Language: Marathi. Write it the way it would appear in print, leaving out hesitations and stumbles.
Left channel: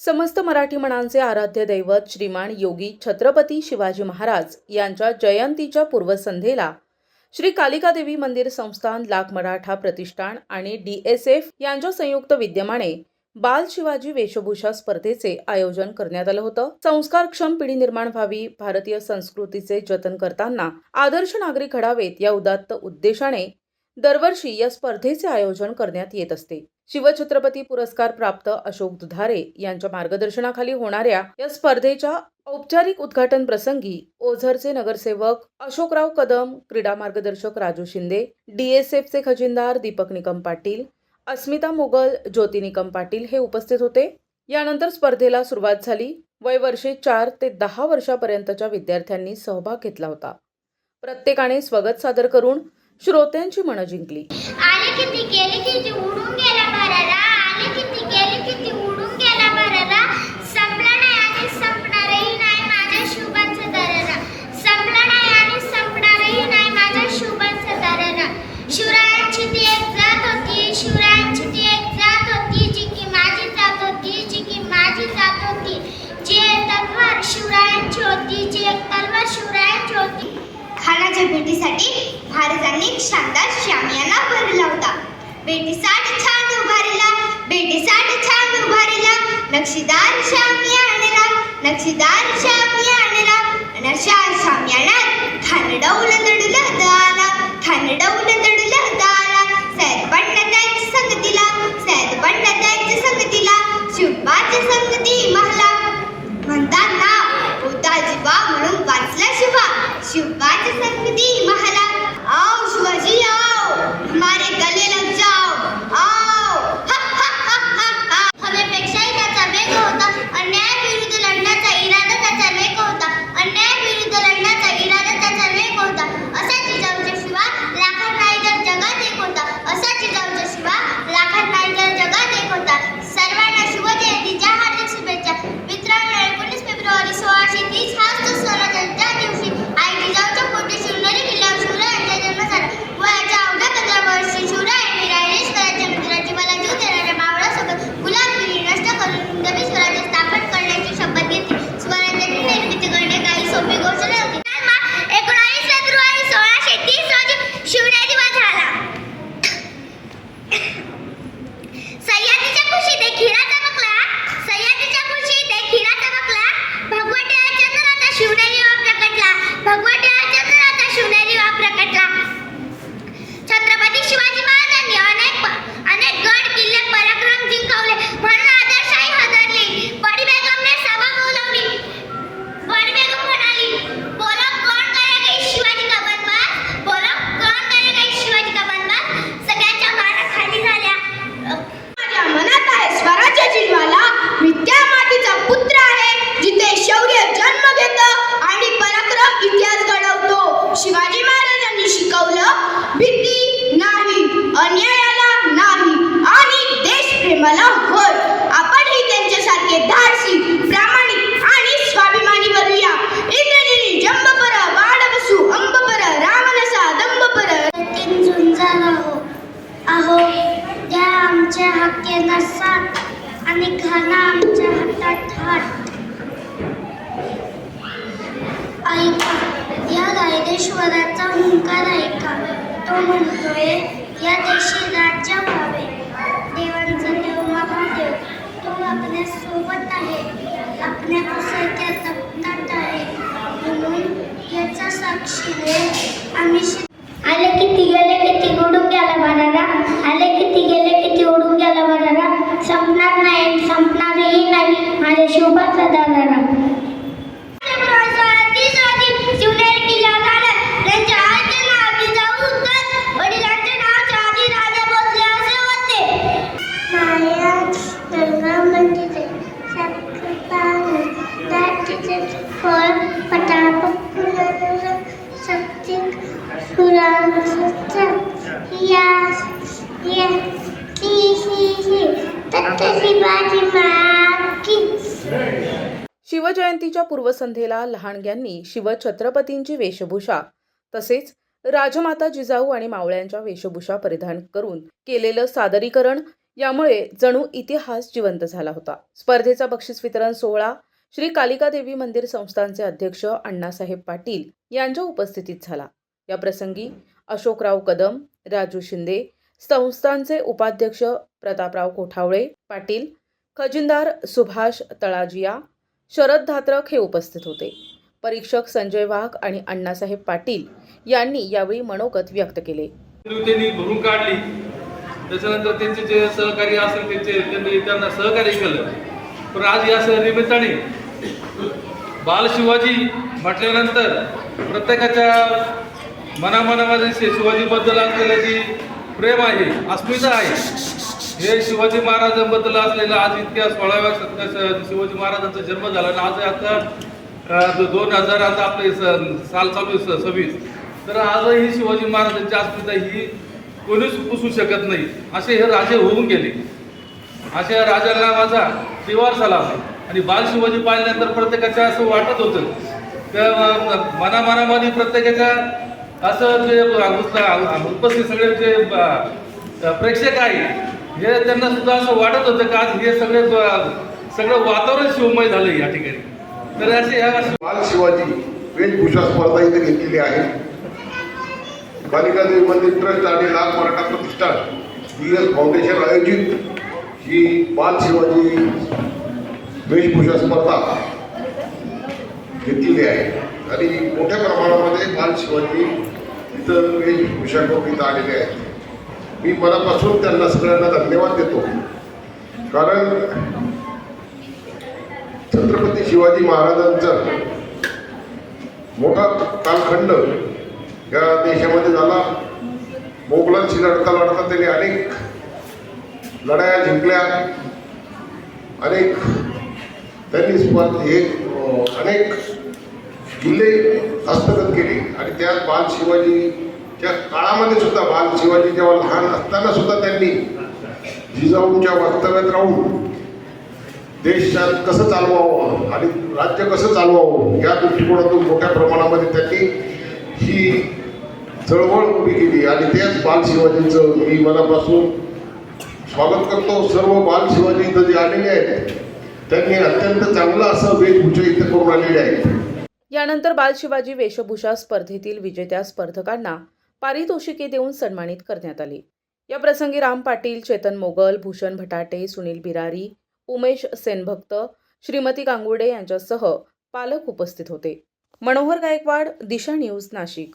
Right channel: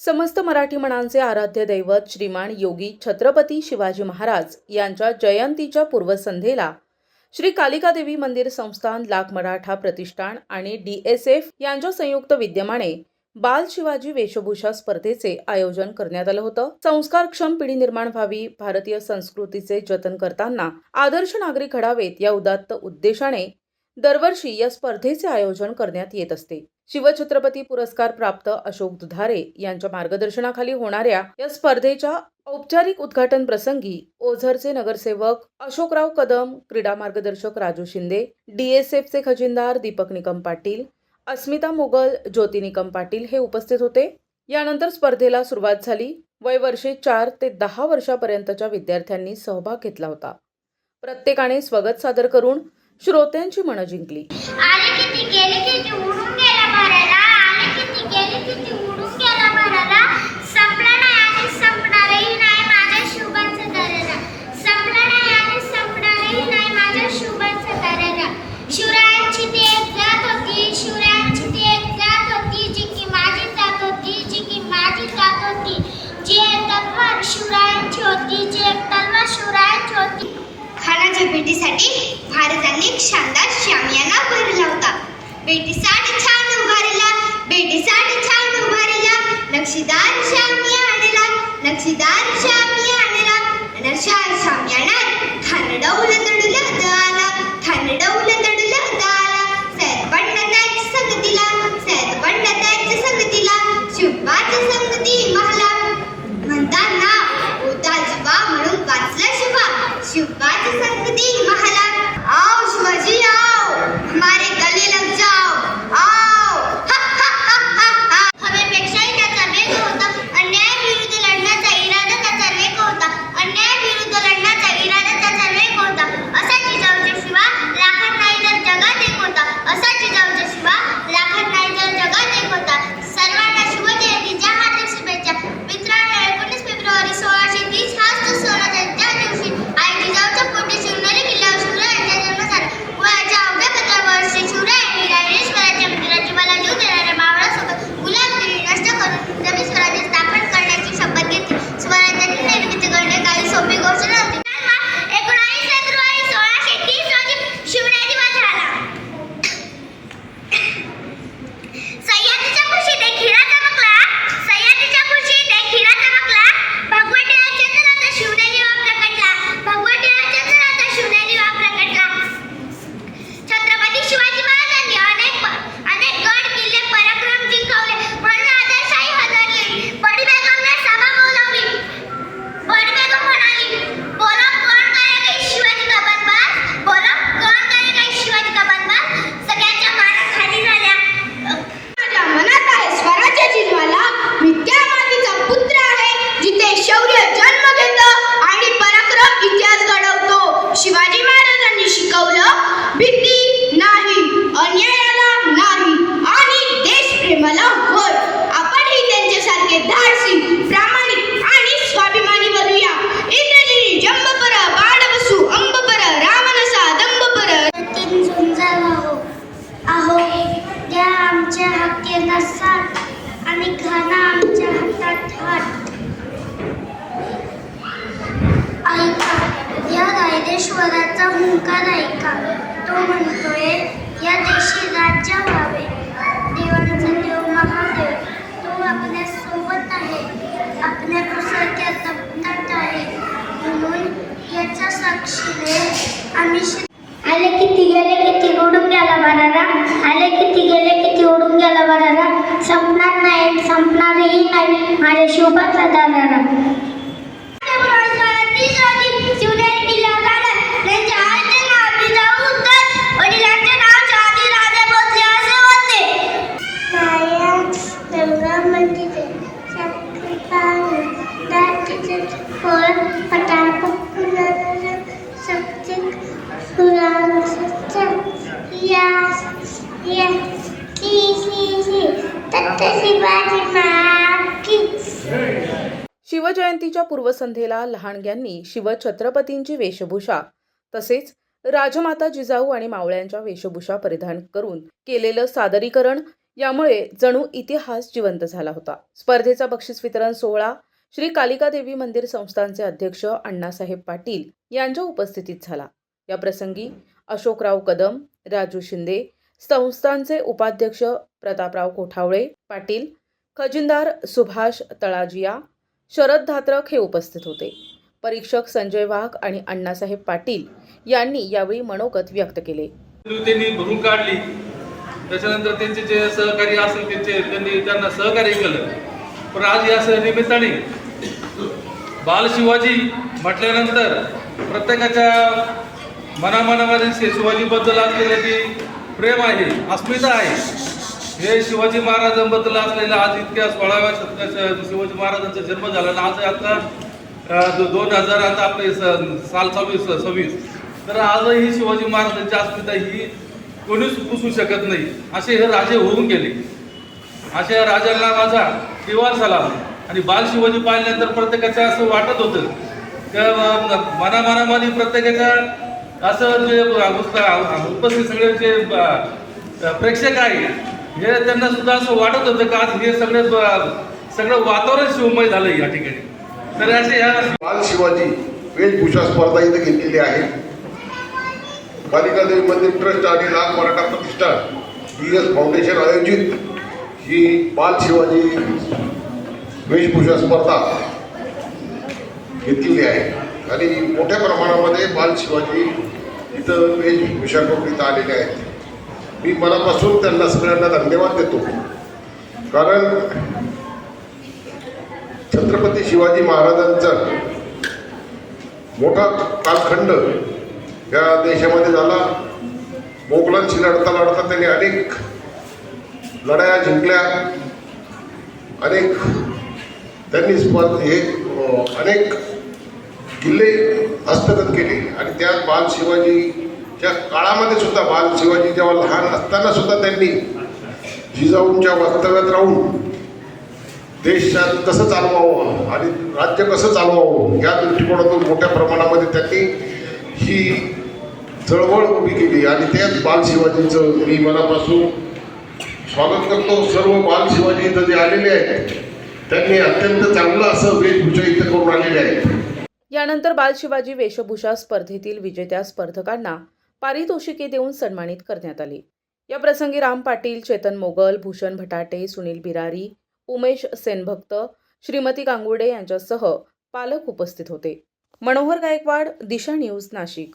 समस्त मराठी मनांचे आराध्य दैवत श्रीमान योगी छत्रपती शिवाजी महाराज यांच्या जयंतीच्या पूर्वसंध्येला श्री कालिका देवी मंदिर संस्थान लाख मराठा प्रतिष्ठान आणि DSF यांच्या संयुक्त विद्यमाने बाल शिवाजी वेशभूषा स्पर्धेचे आयोजन करण्यात आलं होतं। संस्कारक्षम पिढी निर्माण व्हावी, भारतीय संस्कृतीचे जतन करताना आदर्श नागरिक घडावेत या उदात्त उद्देशाने दरवर्षी या स्पर्धेचे आयोजन करण्यात येत असते। शिवछत्रपती पुरस्कार प्राप्त अशोक दुधारे यांच्या मार्गदर्शनाखाली होणाऱ्या या स्पर्धेच्या औपचारिक उद्घाटन प्रसंगी ओझरचे नगरसेवक अशोकराव कदम, क्रीडा मार्गदर्शक राजू शिंदे, DSFचे खजिनदार दीपक निकम पाटील, अस्मिता मोगल, ज्योती निकम पाटील हे उपस्थित होते। यानंतर स्पर्धेला सुरुवात झाली। वय वर्षे 4 ते 10 वर्षापर्यंतच्या विद्यार्थ्यांनी सहभाग घेतला होता। प्रत्येकाने स्वागत सादर करून श्रोत्यांची मनं जिंकली। आले किती गेले किती उडून गेला भराला, आले किती गेले किती उडून गेला भराला, संपला नाही आणि संपणारही नाही माझ्या शुभांचा दरारा, संपला नाही आणि संपणारही नाही माझ्या शुभांचा दरारा। शिवरायांची ती एक जात होती, शिवरायांची ती एक जात होती, जी की माझी जात होती, जी की माझी जात होती, जी एक तलवार शिवरायांची होती, जी एक तलवार शिवरायांची होती। खानाच्या भेटीसाठी महाराजांनी एक शानदार शामियाना भरला होता। भेटीसाठी छान उभारला, भेटीसाठी छान उभारला, नक्षीदार शामियानाला, नक्षीदार शामियानाला, अशा शामियानात ठाणडवलं दडलं दाला, ठाणडवलं दडलं दाला, सैद पडला त्याच्या संगतीला, सैद पडला त्याच्या संगतीला, शुभाच्या संगती महला म्हणताना होता जीवा म्हणून वाचला शुभा, शुभाची संगती महला। आओ शिवाजी आओ, हमारे गले लग जाओ, आओ हा हा हा हा हा। हवेपेक्षाही त्याचा वेग होता, अन्याय विरुद्ध लढण्याचा इरादा त्याचा वेग होता, अन्याय विरुद्ध लढण्याचा इरादा त्याचा वेग होता। असा जिजाऊचा शिवा लाखात नाही तर जगात एक होता, असा जिजाऊचा शिवा लाखात नाही तर जगात एक होता। सर्वांना शिवजयंतीच्या हार्दिक शुभेच्छा। मित्रांनो, 19 फेब्रुवारी 1630 हाच तो स्वराज्याच्या दिवशी आई जिजाऊच्या पोटी शिवनेरी किल्ल्यावर शिवरायांचा जन्म झाला। वयाच्या अवघ्या 15 वर्षी शिवरायांनी रायरेश्वराच्या मंदिराची मला जीव देणाऱ्या मावळासोबत गुलामगिरी नष्ट करून नवे स्वराज्य स्थापन करण्याची शपथ घेतली। स्वराज्याची निर्मिती करणे काही सोपी गोष्ट नव्हती। 19 फेब्रुवारी 1630 रोजी शिवनेरी वध झाला। सह्याद्रीच्या कुशीत एक हिरा चमकला, सह्याद्रीच्या कुशीत एक हिरा चमकला, भगवंताच्या चंद्राचा शिवनेरीवर प्रकटला, भगवंताच्या चंद्राचा शिवनेरीवर प्रकटला। छत्रपती शिवाजी महाराजांनी अनेक गड किल्ले पराक्रम जिंकवले, म्हणून आदर्शाही हादरली। बडी बेगमने सभा बोलावली, बडी बेगम म्हणाली, बोलो कौन करेगा शिवाजी का बनवास, बोलो कौन करेगा शिवाजी का बनवास। सगळ्यांच्या माना खाली झाल्या। माझ्या मनात आहे स्वराज्याची ज्वाला, मी त्या मातीचा पुत्र आहे जिथे शौर्य जन्म घेतं आणि पराक्रम इतिहास घडवतो। शिवाजी महाराजांनी शिकवलं, भीती नाही, अन्यायाला नाही आणि देशप्रेमाला होय। आपणही त्यांच्यासारखे धाडसी, प्रामाणिक आणि स्वाभिमानी बनूया। इंद्रजिनी जंबपर बाणवसु अंबपर रावणसा दंबपर तीन झुंजार आहो द्या आमच्या हक्केला साथ आणि घाला आमच्या हातात हात। ऐका या रायरेश्वराचा हुंकार ऐका, तो म्हणतोय या देशी राज्य व्हावे। देवांचा देव महादेव तो आपल्या सोबत आहे, आपल्या कुसाच्या तप्तात आहे, म्हणून याच्या साक्षीने आम्ही आले किती गेले किती उडून गेला भरारा, आले किती गेले किती उडून गेला भरारा, संपणार नाही संपणारही नाही माझ्या शुभाचा दरारा। शिवनेरी किल्ल्यावर झाला, त्यांच्या आईचे नाव जिजाऊ होतं, वडिलांचे नाव शहाजी राजे भोसले असे होते। माया गंगा मंदिरे सत्कृपाने दाटीचे फळ पटापट फुलर सत्य पुराण सत्य या या ही तत्त शिवाजी महाराज। शिवजयंतीच्या पूर्वसंध्येला लहानग्यांनी शिवछत्रपतींची वेशभूषा तसेच राजमाता जिजाऊ आणि मावळ्यांच्या वेशभूषा परिधान करून केलेलं सादरीकरण यामुळे जणू इतिहास जिवंत झाला होता. स्पर्धेचा बक्षीस वितरण सोहळा श्री कालिका देवी मंदिर संस्थानचे अध्यक्ष अण्णासाहेब पाटील यांच्या उपस्थितीत झाला. या प्रसंगी अशोकराव कदम, राजू शिंदे, संस्थानचे उपाध्यक्ष प्रतापराव कोठावळे पाटील, खजिनदार सुभाष तळाजिया, शरद धात्रक हे उपस्थित होते. परीक्षक संजय वाघ आणि अण्णासाहेब पाटील यांनी यावेळी मनोगत व्यक्त केले. त्यांनी भरून काढली. त्याच्यानंतर त्यांचे जे सहकारी असेल त्यांना सहकार्य केलं. पण आज या निमित्ताने बाल शिवाजी म्हटल्यानंतर प्रत्येकाच्या मनामनामध्ये शिवाजीबद्दल असलेले जी प्रेम आहे, अस्मिता आहे, हे शिवाजी महाराजांबद्दल असलेलं आज इतक्या 16व्या शतकात शिवाजी महाराजांचा जन्म झाला आणि आज आता 2000 आता आपले साल चालू 26. तर आजही शिवाजी महाराजांची अस्मिता ही कोणीच पुसू शकत नाही. असे हे राजे होऊन गेले. अशा या राजांना माझा त्रिवार सलाम. आणि बाल शिवाजी पाहिल्यानंतर प्रत्येकाच्या असं वाटत होतं की मनामनामध्ये प्रत्येकाच्या असं जे उपस्थित सगळे जे प्रेक्षक आहे हे त्यांना सुद्धा असं वाटत होतं की आज हे सगळं वातावरण शिवमय झालं या ठिकाणी. तर असे ह्या बाल शिवाजी वेशभूषा स्पर्धा इथे घेतलेली आहे. कालिका देवी मंदिर ट्रस्ट आणि लाख मराठा प्रतिष्ठान BS फाउंडेशन आयोजित ही बाल शिवाजी वेशभूषा स्पर्धा घेतलेली आहे आणि मोठ्या प्रमाणामध्ये बाल शिवाजी इथं वेशभूषा करून इथं आलेले आहेत. मी मनापासून त्यांना सगळ्यांना धन्यवाद देतो. कारण छत्रपती शिवाजी महाराजांचा मोठा कालखंड या देशामध्ये झाला. मोगलांशी लढता लढता त्यांनी अनेक लढाया जिंकल्या, अनेक त्यांनी अनेक किल्ले हस्तगत केले आणि त्या बाल शिवाजीच्या काळामध्ये सुद्धा बाल शिवाजी जेव्हा लहान असताना सुद्धा त्यांनी जिजाऊंच्या वास्तव्यात राहून देशात कसं चालवावं आणि राज्य कसं चालवावं या दृष्टिकोनातून मोठ्या प्रमाणामध्ये त्यांनी ही चळवळ उभी केली आणि त्याच बाल शिवाजींचं मी मनापासून स्वागत करतो. सर्व बाल शिवाजी इथं जे आलेले आहेत त्यांनी अत्यंत चांगलं असं वेशभूषा इथं करून आलेले आहेत. यानंतर बाल शिवाजी वेशभूषा स्पर्धेतील विजेत्या स्पर्धकांना पारितोषिके देऊन सन्मानित करण्यात आले. या प्रसंगी राम पाटील, चेतन मोगल, भूषण भटाटे, सुनील बिरारी, उमेश सेनभक्त, श्रीमती गांगुर्डे यांच्यासह पालक उपस्थित होते. मनोहर गायकवाड, दिशा न्यूज, नाशिक.